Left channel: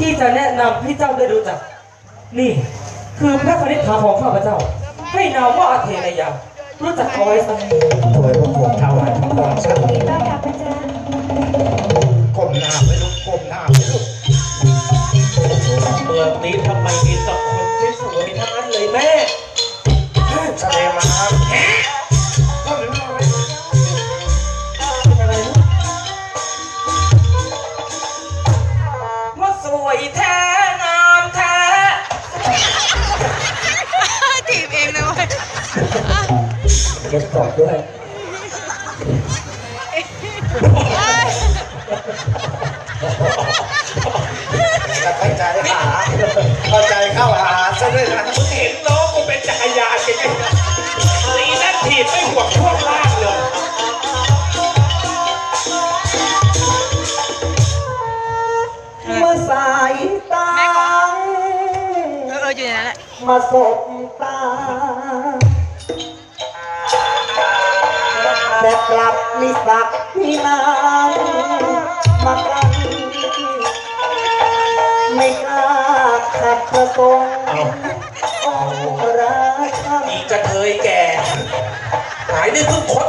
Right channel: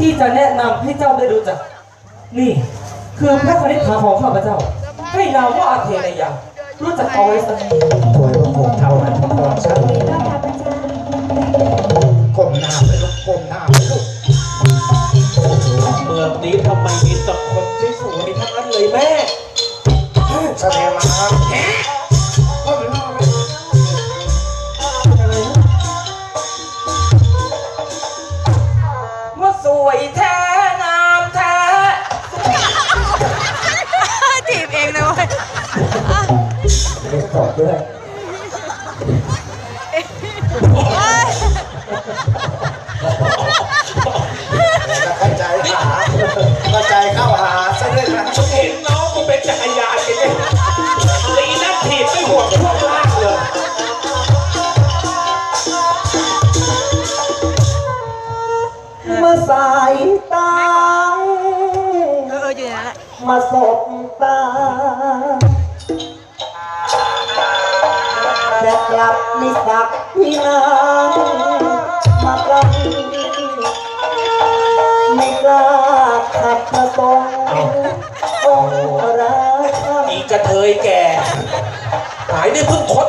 ที่จะแนะนำให้เจ้าได้รู้จัก นี่คือพระคณิษฐาของข้าพเจ้า ให้นามว่าอาเทนายารู้จักเอาไว้สัก ถวยพระโคมถวายพระพรชันต้อนรับน เล็อดด้วยเข้าใจหาเข้าใจเข้าหาซะด้วยนะเห็นน้องกูเป็นจักรยานกันไหมตีนั่นถีบไม่ห่วงช่วงล่างเลยเมื่อสายตาเออเอออยู่ในนั้นแหละมาสบตา แต่กรับมิสักที่นางมารังไม่กล้าขัดมาตรงค์องค์ราชาอีกระเทยแก่ หายได้เพิ่งคด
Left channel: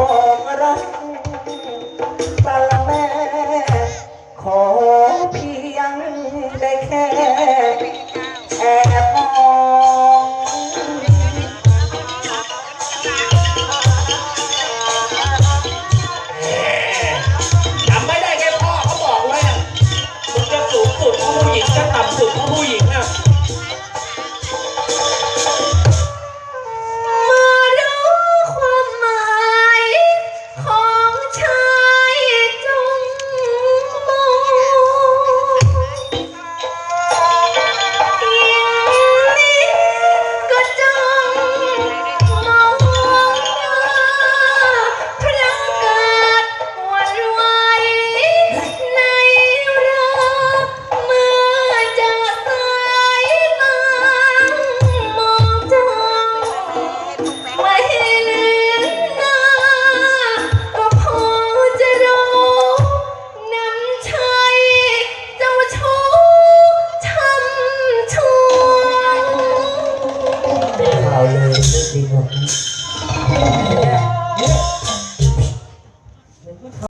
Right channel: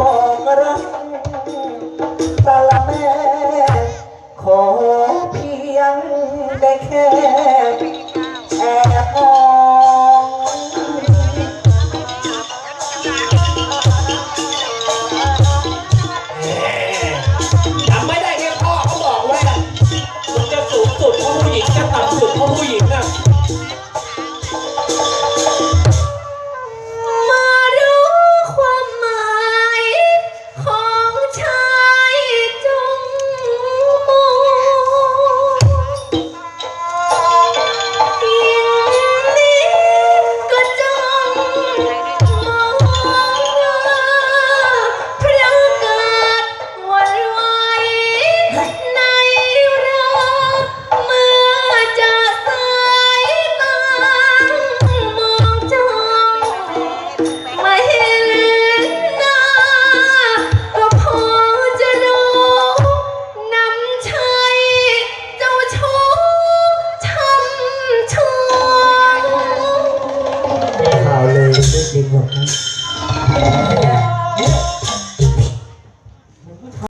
บอกรักสาแม่ ขอเพียงได้แค่ Sí, por.